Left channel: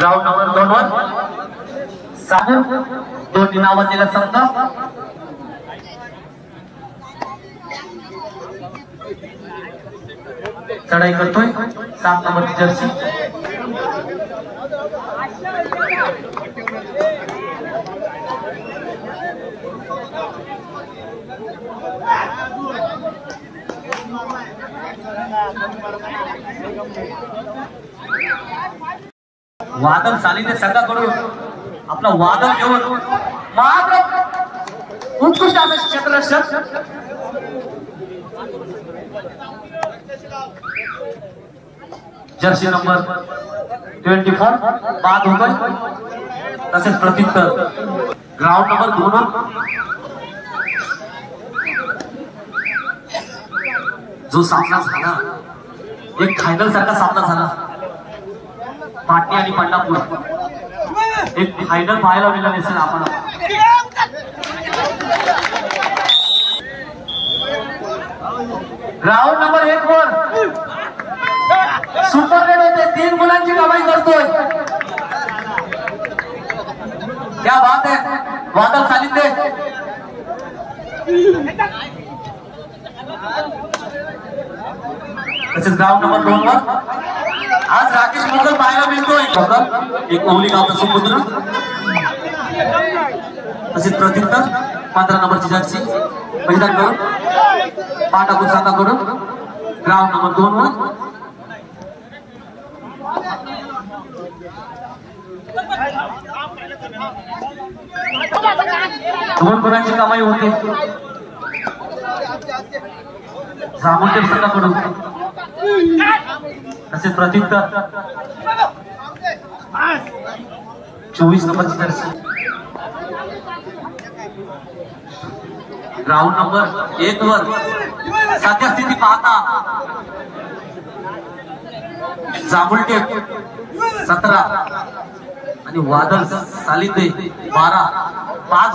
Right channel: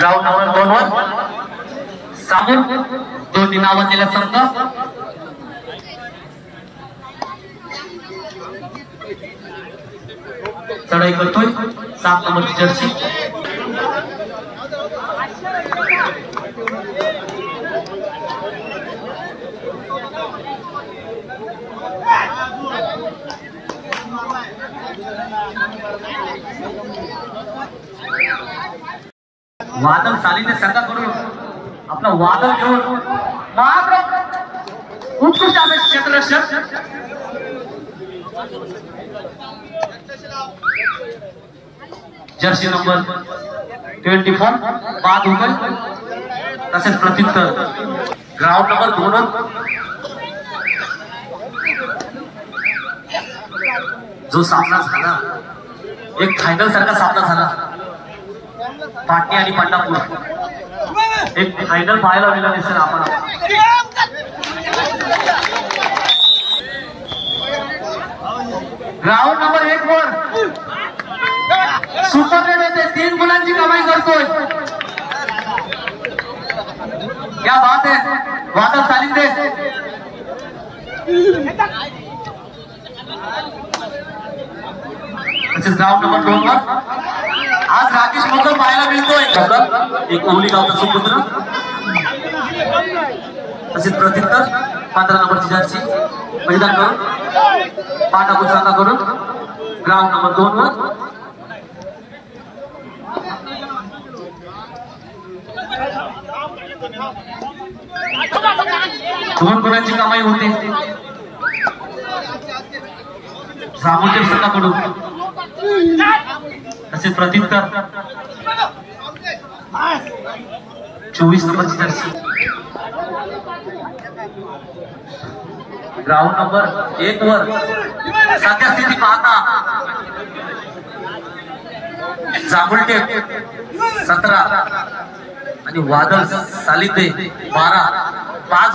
Ground number 2 वर सामून दोन्ही नावाजलेला संघ चढाई करतोय 7 नंबरची जर्सी वादळ सालीने संघाकडून आपला वादळ घेऊन मात्र उत्कृष्ट असे क्षेत्ररक्षक जर्सी नंबर 24 बाद होकर तसेच प्रत्युत्तर ग्राउंड नंबर 2 जो सामना झाला एक फायनल सारखा सामना झाला पाटणी आणि पंढरपूर एक फायनल पाहायला मिळाला दिसेल आम्हाला ग्राउंड नंबर 1 वर सुपरकडे ते 3 गुणांची कमाई करतोय क्या बात है वादळ सालिंदे तसेच ग्राउंड नंबर 2 वर आज राकेश मगर पाहायला मिळतोय एक ओली गावचा सुपुत्र तसेच प्रत्युत्तर 15 नंबरची जर्सी मैदान करून पाटापूर संघाकडून ग्राउंड नंबर 2 वर दोन गुणांची कमाई होते जामोलकर संघाकडून तसेच प्रत्युत्तर 24 नंबरची जर्सी ग्राउंड नंबर 1 वर सध्या स्थिती पाहता जामुलटे 17 आणि वादळ सालिंदे 12 5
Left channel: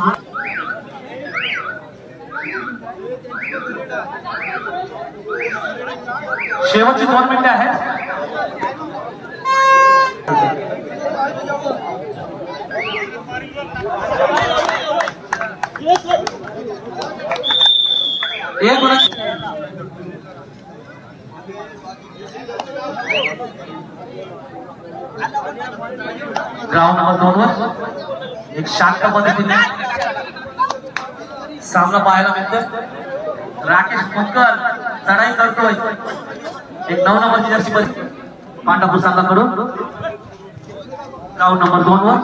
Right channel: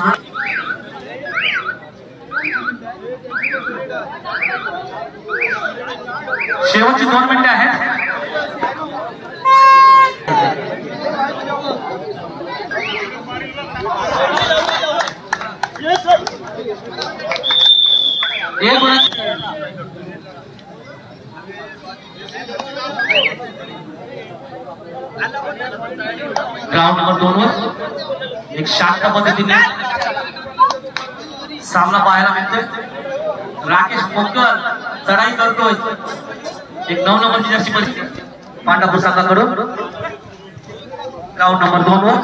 शेवटची 2 मिनिटे आहेत ग्राउंड नंबर 2 वर एक शांत पद्धतीने सामना पाहायला मिळतो राकेश मकर चढाई करतोय एक 9 नंबरची जर्सी पांढरपूर संघाकडून ग्राउंड नंबर 2 वर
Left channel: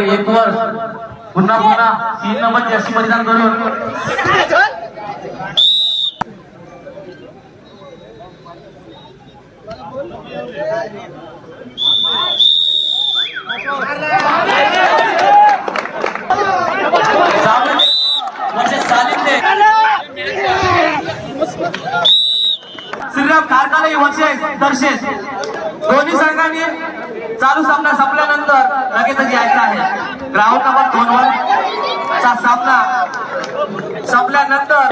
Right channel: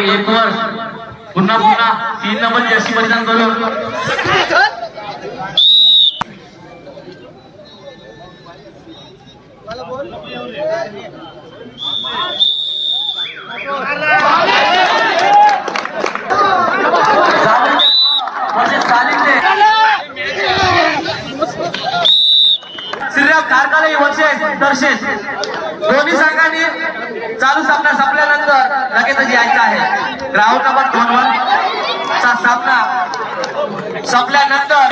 एक वर पुन्हा 3 नंबर जर्सी परिधान करून कारखाने वर्षे दर्शेल दोन्ही संघांनी चालू सामना संपल्यानंतर लगेचच यायचं आहे ग्राउंड नंबर 2 वर चा सामना संपल्यानंतर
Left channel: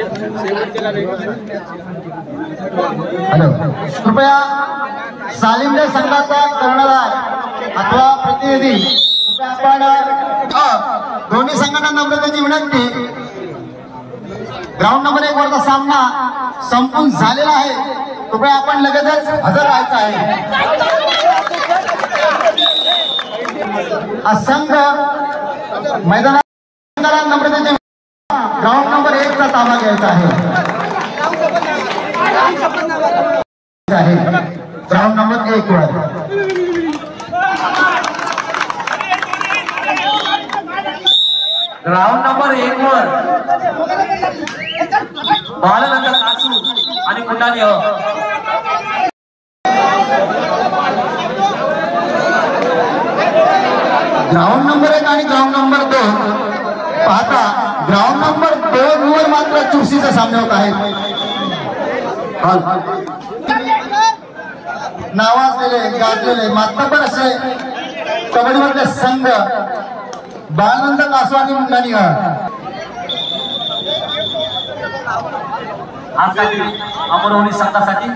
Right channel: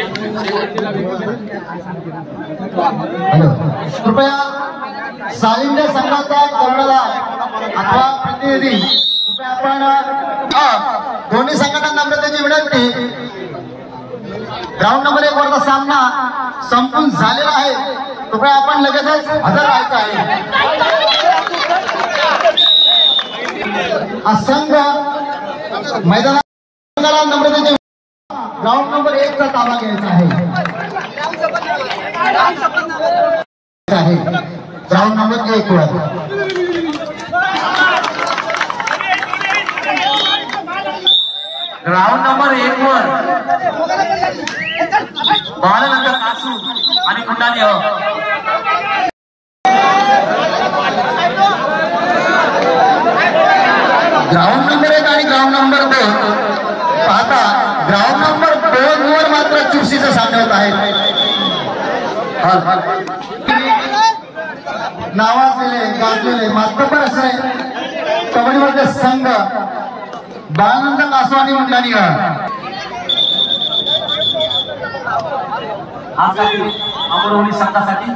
कृपया सालिंदे संघाचा कर्णधार अथवा प्रतिनिधी आपण दोन्ही संघटना नम्रतेची विनंती ग्राउंड नंबर 1 वरचा सामना संपून झालेला आहे कृपया आपण लगेचच हजर व्हायचं आहे संघ मैदानाला नम्रतेची ग्राउंड नंबर 1 चा ताबा घ्यायचा आहे ग्राउंड नंबर 1 वर ग्राउंड नंबर 1 वर बाळनंतर कासू आणि कुंडाली ग्राउंड नंबर 1 आणि ग्राउंड नंबर 2 पाहता ग्राउंड नंबर 2 वर मात्र चुरशीचे सामने होत आहेत नावाजलेले गाजलेले मातबर असे कबड्डीमधले संघ बाळनंद कासू आणि मुंडाणी आजसाठी अमरवली संघासाठी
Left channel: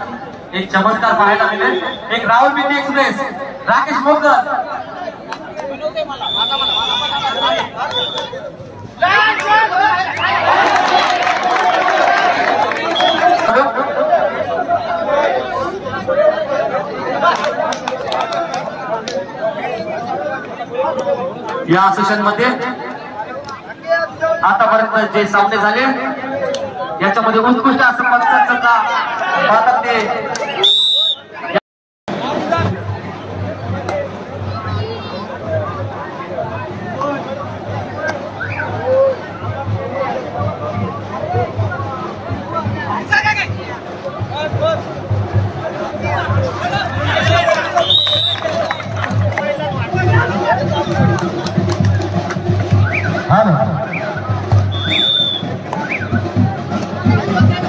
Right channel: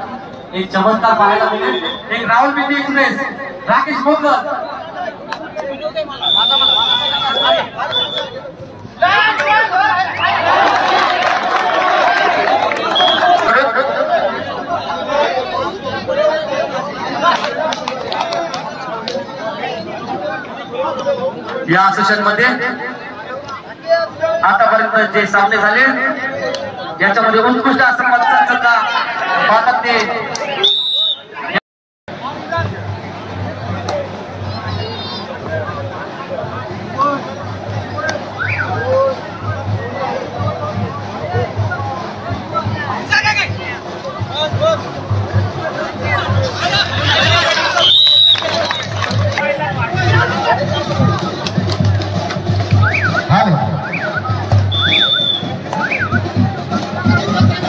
एक चमत्कार पाहायला मिळेल. एक राहुल पिंडी एक्सप्रेस राकेश मोगर या सेशन मध्ये आतापर्यंत जे सामने झाले याच्यामध्ये उत्कृष्ट असं भारत ते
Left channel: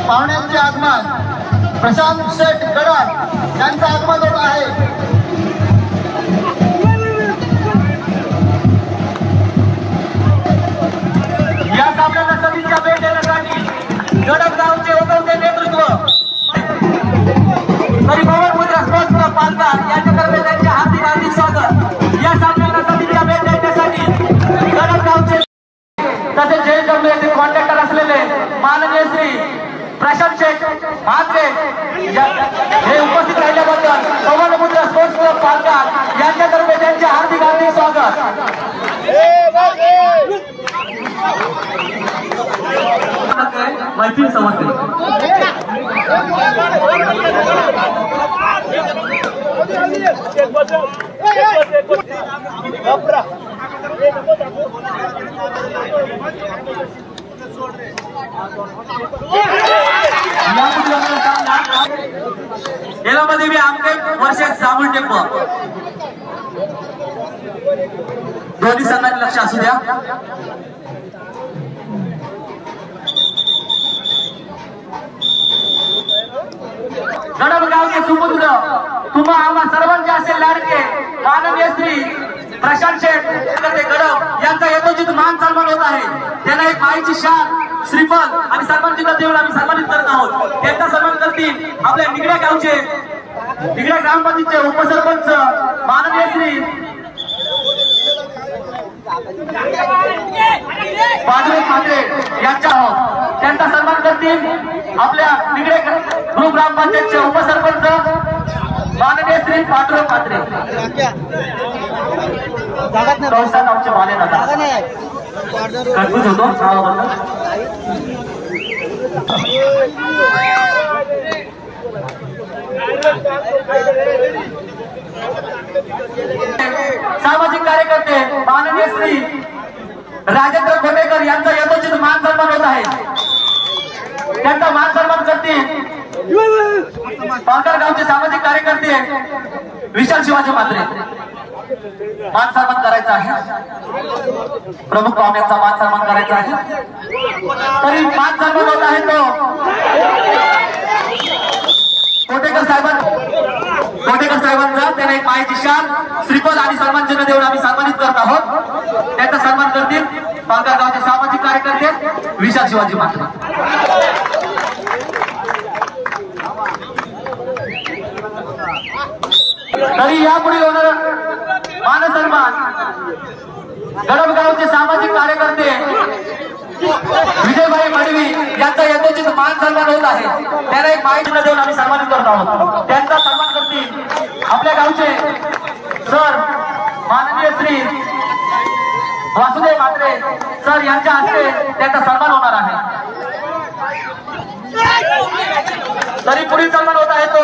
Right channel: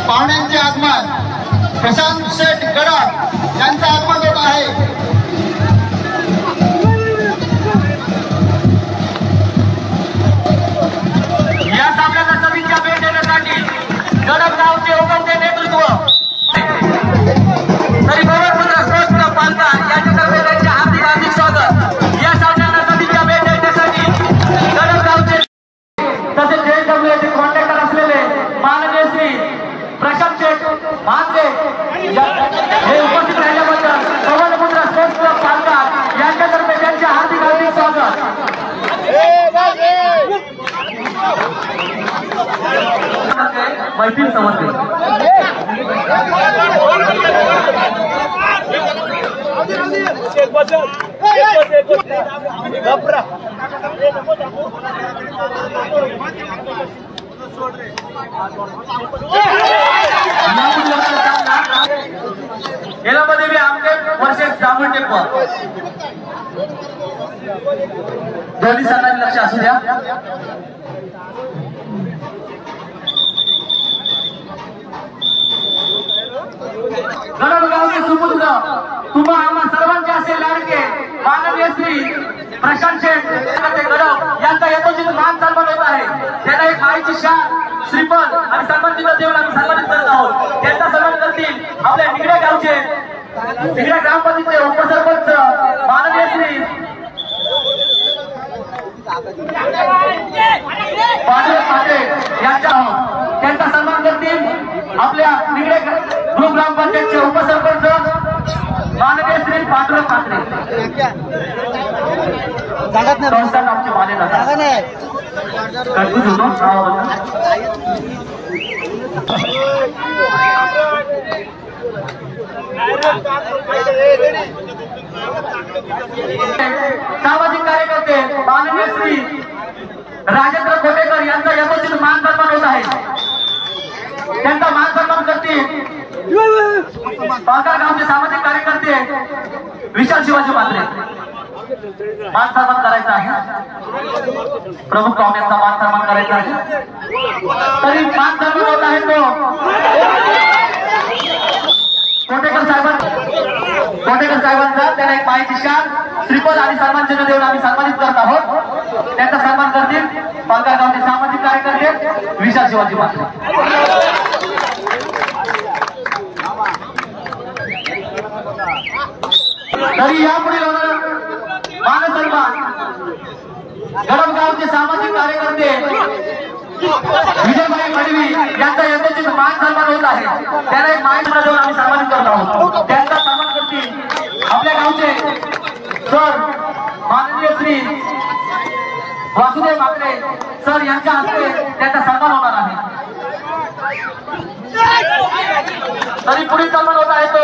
पाहुण्यांचे आगमन प्रशांत शेठ गडाख यांचं आगमन होत आहे. या सामन्याला सभेच्या भेट देण्यासाठी गडक गावचे ओपनचे नेतृत्व तरी पालघर यांच्यातर्फे त्यांचे हार्दिक हार्दिक स्वागत. या सामन्याला सभेच्या भेट देण्यासाठी गडक गावचे तसेच JWचे कॉन्ट्रॅक्टर असलेले माननीय श्री प्रशांत शेठ म्हात्रे हे उपस्थित राहिल्याबद्दल कवनमुद्रा स्पोर्ट्स क्लब पालघर यांच्यातर्फे त्यांचे हार्दिक हार्दिक स्वागत. मैत्री समजते यामध्ये मी आमचे वर्षात साबण टेम्पो दोन्ही संघात लक्ष असू द्या. गडबगावचे सुपुत्र तुम्हा आम्हा सर्वांचे असे लाडके माननीय श्री प्रशांत शेठ गडब यांचा यथोचित मान सन्मान होत आहे. त्यांना एक माईची शाल श्रीफळ आणि सन्मानचिन्ह देऊन आम्ही सन्मानित करत आहोत. त्यांचा सन्मान करतील आपल्या निगड्या गावचे निगड्या ग्रामपंचायतचे उपसरपंच माननीय श्री त्यांचा सन्मान करतील आपल्या निगडे ग्रुप ग्रामपंचायतचे उपसरपंच माननीय श्री पांडुरंग कात्रे. आमचे माले कन्फ्यूज होतो सामाजिक कार्यकर्ते माननीय श्री राजेंद्र कोटेकर यांचा यथोचित मान सन्मान होत आहे. त्यांचा मान सन्मान करतील पालघर गावचे सामाजिक कार्यकर्ते विशाल शिवाजी म्हात्रे. मान सन्मान करायचा आहे. प्रमुख पाहुण्यांचा मान सन्मान करायचा आहे. तरी मान सन्मान होत आहे तो कोटेकर साहेबांचा. त्याने एक माहिती शाल श्रीपद आणि सन्मान चिन्ह देऊन आम्ही सन्मानित करत आहोत. त्यांचा सन्मान करतील पालघर गावचे सामाजिक कार्यकर्ते विशाल शिवाजी म्हात्रे. तरी यापुढे होणार मान सन्मान गडबगावचे सामाजिक कार्यकर्ते विजयभाई गडवी यांचा यथोचित मान सन्मान होत आहे. त्याला एक माहिती देऊन आम्ही सन्मानित करत आहोत. त्यांचा सन्मान करतील आपल्या गावचे सर माननीय श्री वासुदेव म्हात्रे सर यांच्या हस्ते त्यांचा सन्मान होणार आहे. तरी पुढील सन्मान होत आहे तो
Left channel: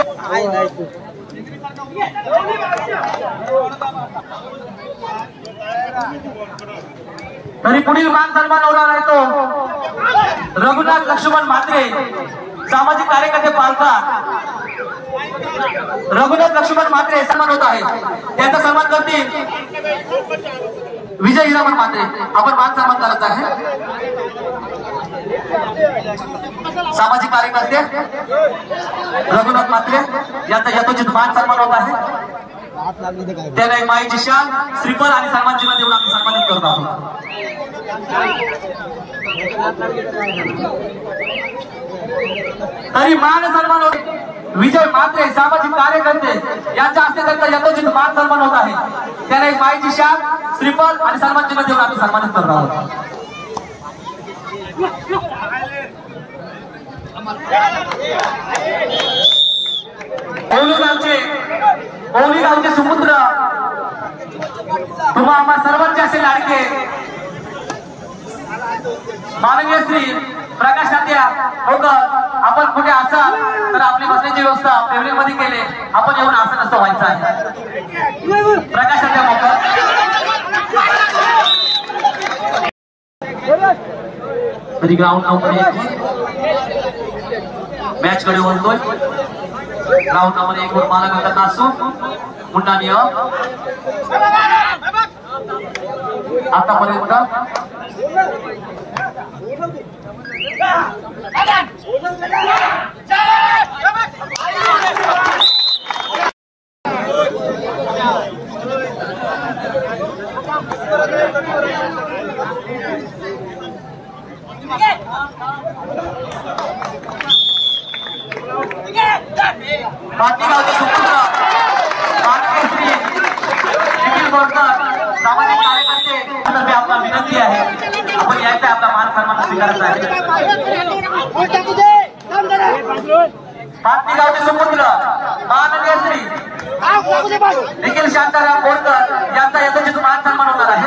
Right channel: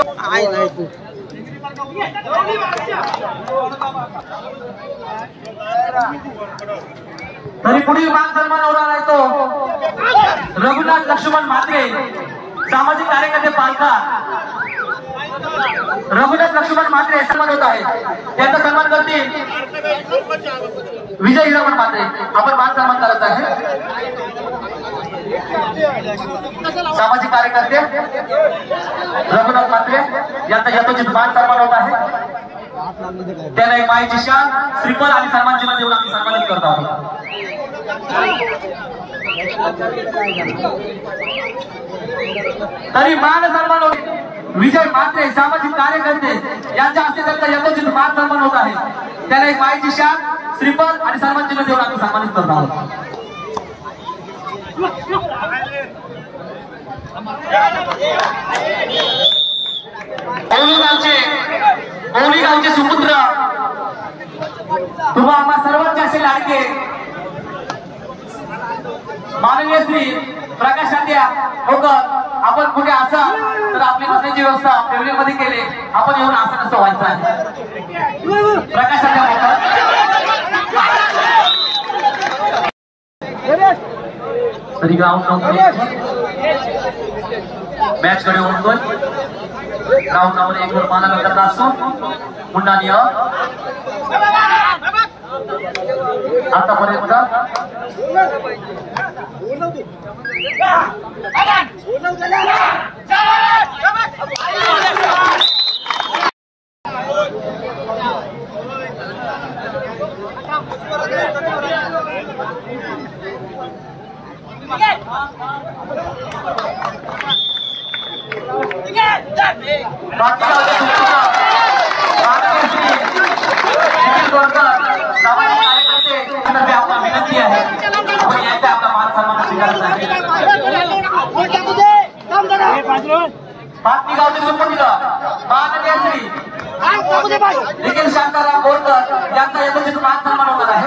तरी पुढील मान सन्मान होणार आहे तो रघुनाथ लक्ष्मण म्हात्रे सामाजिक कार्यकर्ते पालघर. रघुनाथ लक्ष्मण म्हात्रे सन्मान होत आहे. त्यांचा सन्मान करतील विजय हिरामण म्हात्रे. आपण मान सन्मान करायचा आहे. सामाजिक कार्यकर्ते रघुनाथ म्हात्रे यांचा यथोचित मान सन्मान होत आहे. त्याला माईची शाल श्रीफळ आणि सन्मान चिन्ह देऊन आम्ही सन्मानित करत आहोत. तरी मान सन्मान होते विजय म्हात्रे सामाजिक कार्यकर्ते यांच्या हस्ते त्यांचा यथोचित मान सन्मान होत आहे। त्याला एक मायची शाल श्रीफळ आणि सन्मान चिन्ह देऊन आम्ही सन्मानित करत आहोत। औली गावचे सुपुत्र तुम्हा आम्हा सर्वांचे असे लाडके माननीय श्री प्रकाश तात्या होकर, आपण कुठे असाल तर आपली बसण्याची व्यवस्था फेब्रुवारीमध्ये केली, आपण येऊन असं नसतं व्हायचं आहे। प्रकाश तात्या तरी ग्राउंड मॅच कडे ओढतोय। ग्राउंड नंबर 1 वर मानव करत असू मुंडानिया आतापर्यंत विनंती आहे आपण याचा आपला मान सन्मान बातमी गावचे सुपुत्र माननीय श्री निखिल शांताराम बोरकर यांचा यथोचित मान सन्मान होणार आहे।